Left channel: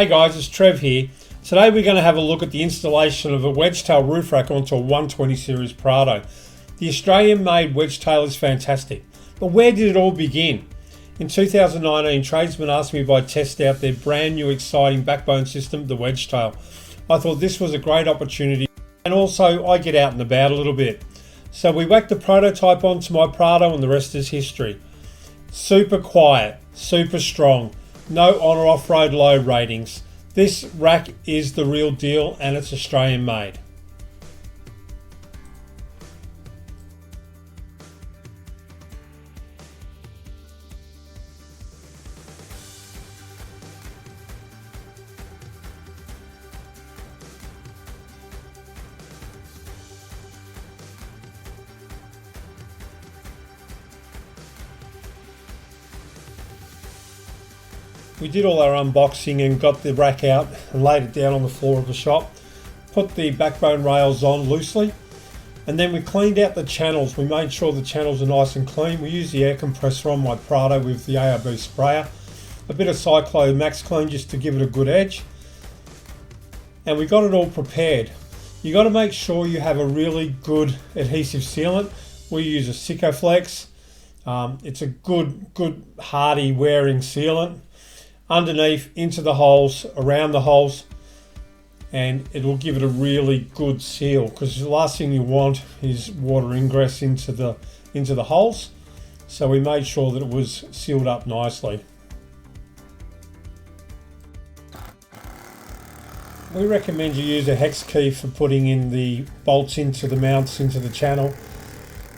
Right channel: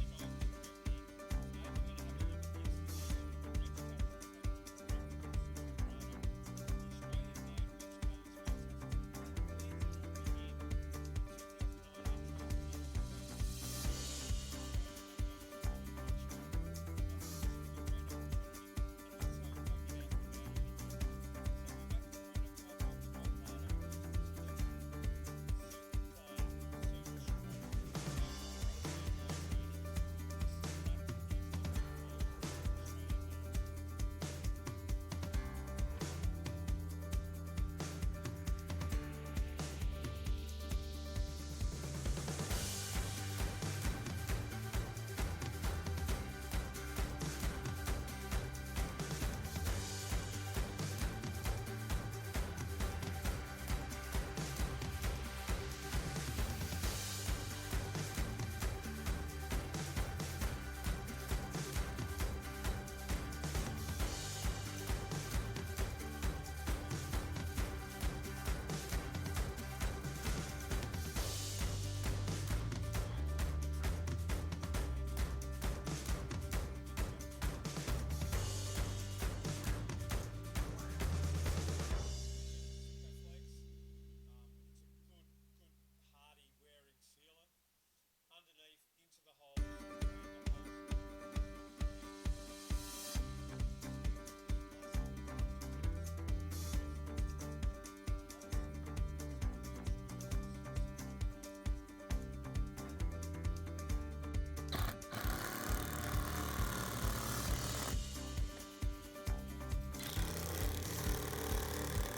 Hey guys, it's Trev here. Today we're going to have a look at the installation of a wedge-tail roof rack onto a 120 series Prado. The Australian-made wedge-tail is fantastic, but where did it all begin? In 2019, tradesmen asked me if I'd test out their brand new exciting backbone system, the wedge-tail. I thought this was a great opportunity, and also I get out and about a little bit. So we whacked the prototype onto my Prado and the rest is history. Super quiet, super strong, no on or off road load ratings. This rack is the real deal and it's Australian made. We did all our unboxing and got the rack out and laid it down on the floor of the shop. Put the backbone rails on loosely and then we cleaned out the channels. We made sure the channels are nice and clean. We used the air compressor on my Prado with the ARB sprayer. A bit of Cyclo Max Clean just to give it a good edge. And we got it all prepared. You got to make sure you have a really good adhesive sealant. We use a Sikaflex. It's a good hardy wearing sealant. Underneath, into the holes, around the holes, and it will give it a really good seal, because the last thing you want is water ingress into the holes. So we made sure that it was sealed up nicely. We recommend you use a hex key for putting in the bolts into the mounts into the channel.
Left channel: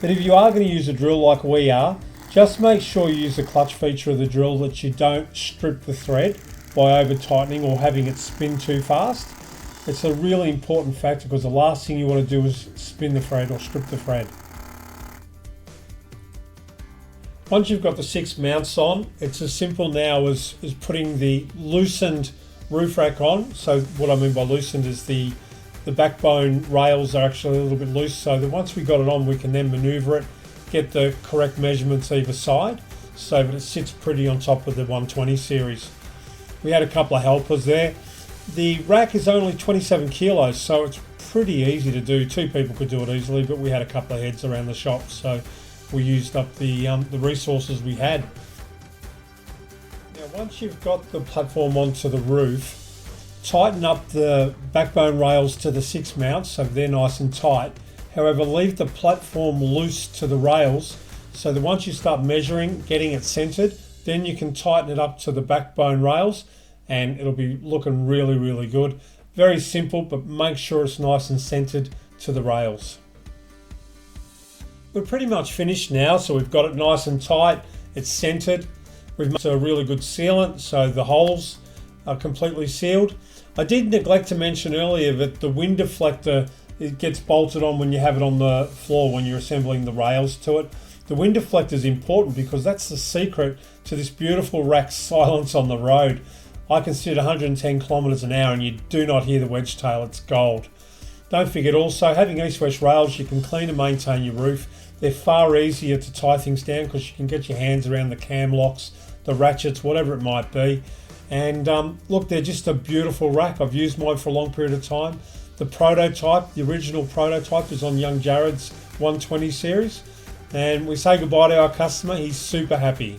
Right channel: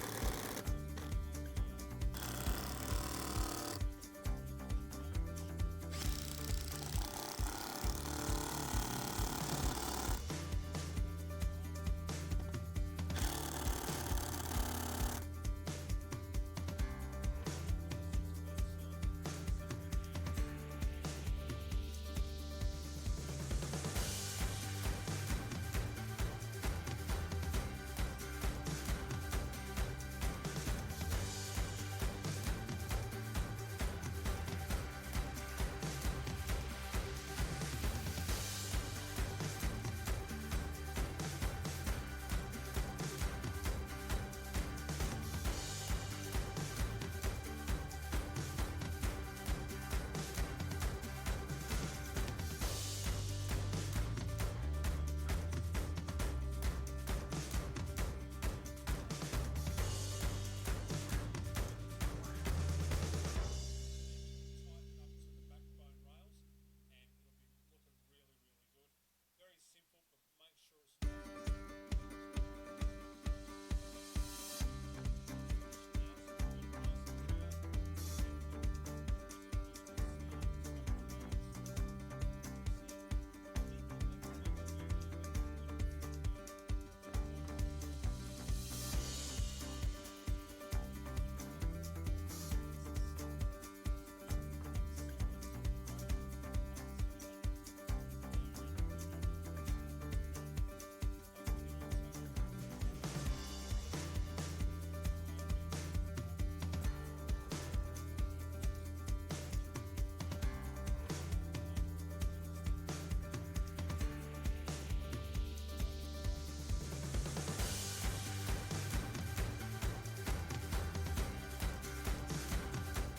But if you are going to use a drill like we are, just make sure you use the clutch feature of the drill, that you don't strip the thread by over tightening or having it spin too fast. It's a really important factor, because the last thing you want to do is spin the thread or strip the thread. Once you've got the 6 mounts on, it's as simple now as putting the loosened roof rack on. So what I mean by loosened is the backbone rails are actually a little bit loose, so that once we got it on we can then maneuver it, get the correct measurements either side so that it sits pretty on top of the 120 series. We had a couple of helpers there. The rack is only 27 kilos, so it's pretty easy to do. 2 people could do it easily, but we had a couple of heads around the shop, so we used up the resources we had. Now once you've got the platform onto the roof, tighten up the backbone rails to the 6 mounts so they're nice and tight. However, leave the platform loose to the rails so that once you start measuring, getting it centered, then you can tighten it up to the backbone rails and it'll be looking really, really good. Very simple, but make sure it's nice and centered to the rails. We're pretty much finished now, so we've got it nice and tight, it's centered. We've made a really good sealant, so the holes are completely sealed. I did neglect to mention earlier that the wind deflector, it gets bolted on when you have it on the floor when you're assembling the rails to it. The wind deflector is important because that's the secret to this beautiful rack's silence on the road. I can sit 110 kilometers an hour and you do not hear the wedge tail, it's gold. Don't forget also, having east-west rails, you can clean and maintain your roof. They're far easier to tie things down because you can get your hands around the cam locks, the ratchets, whatever it might be. And look, they're just a beautiful rack. I've used mine for a long period of time. The prototype, the original prototype, is on young Jared's 120 series, and we say goodbye to our customer. He's super happy.